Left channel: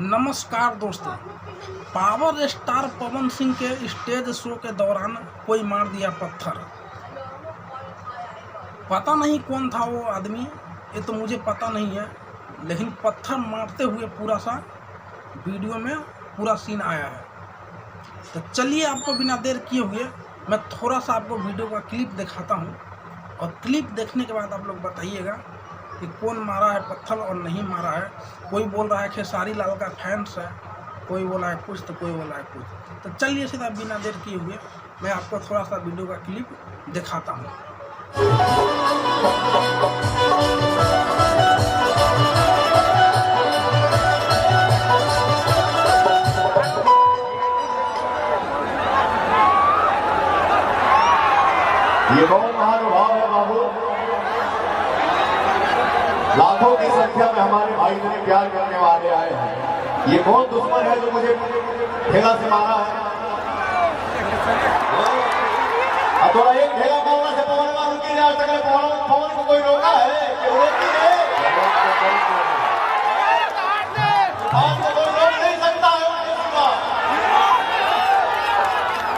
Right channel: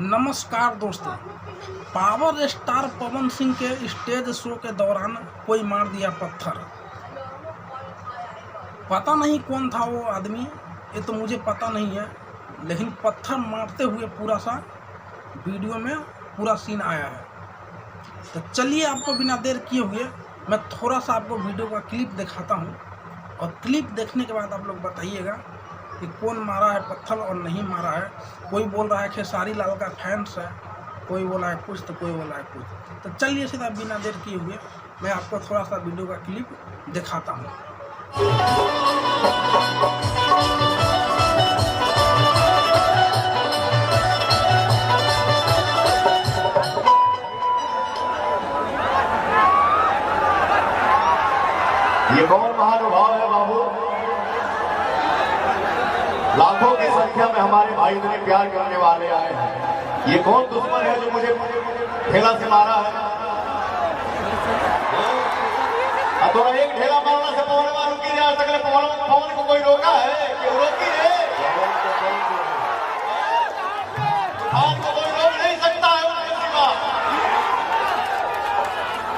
नमस्कार दोस्तों, power star Pawan Singh के स्टेज शो के दौरान कोई मार दिया पत्थर। पता नहीं कौन था वो आदमी, ये तो मुझे पता नहीं है, लेकिन पत्थर मारते हुए पूरा सा वीडियो में पूरा सीन आया है। तो चलिए आपको बिना देर किए हुए मैं थोड़ा सा आपको वीडियो का क्लिप दिखाता हूँ, और क्लिप देखने के बाद आप लोग बताइएगा कि कौन मारा है पत्थर और नहीं मारा है। कोई बोल रहा है खेसारी लाल का फैंस है, कोई बोला है कुछ, तो कोई बोला है कुछ। तो चलिए सीधा बिना देर किए हुए मैं आपको थोड़ा सा वीडियो का क्लिप दिखाता हूँ। ये कौन महानुभाव है बाबू? लाखों की संख्या में हमारे भाई मेरे प्यार करने वाले आए हैं। ये कौन दुश्मन है जो मुझे ठेला से मारा है? अब थोड़ा एक ठेला मारने से पवन को रुकी जा सके। पवन को कोई रोका है कि रोकी है? तूफान को कोई रोक नहीं सकता है।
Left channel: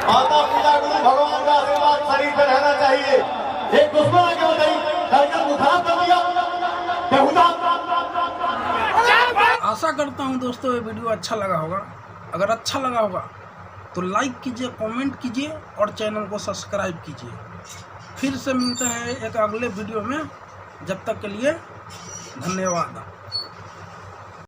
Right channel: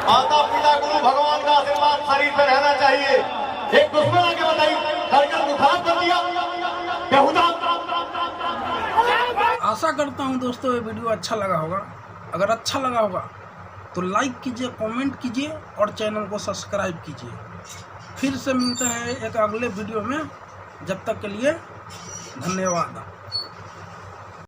माता पिता गुरु भगवान का आशीर्वाद शरीर पर रहना चाहिए। एक दुश्मन आगे बताइए, सरकार को खराब कर दिया। आशा करता हूँ दोस्तों ये वीडियो अच्छा लगा होगा। अगर अच्छा लगा होगा तो लाइक कीजिए, कमेंट कीजिए और चैनल को सब्सक्राइब कीजिए। फिर से मिलते हैं एक अगले वीडियो में। जब तक के लिए धन्यवाद।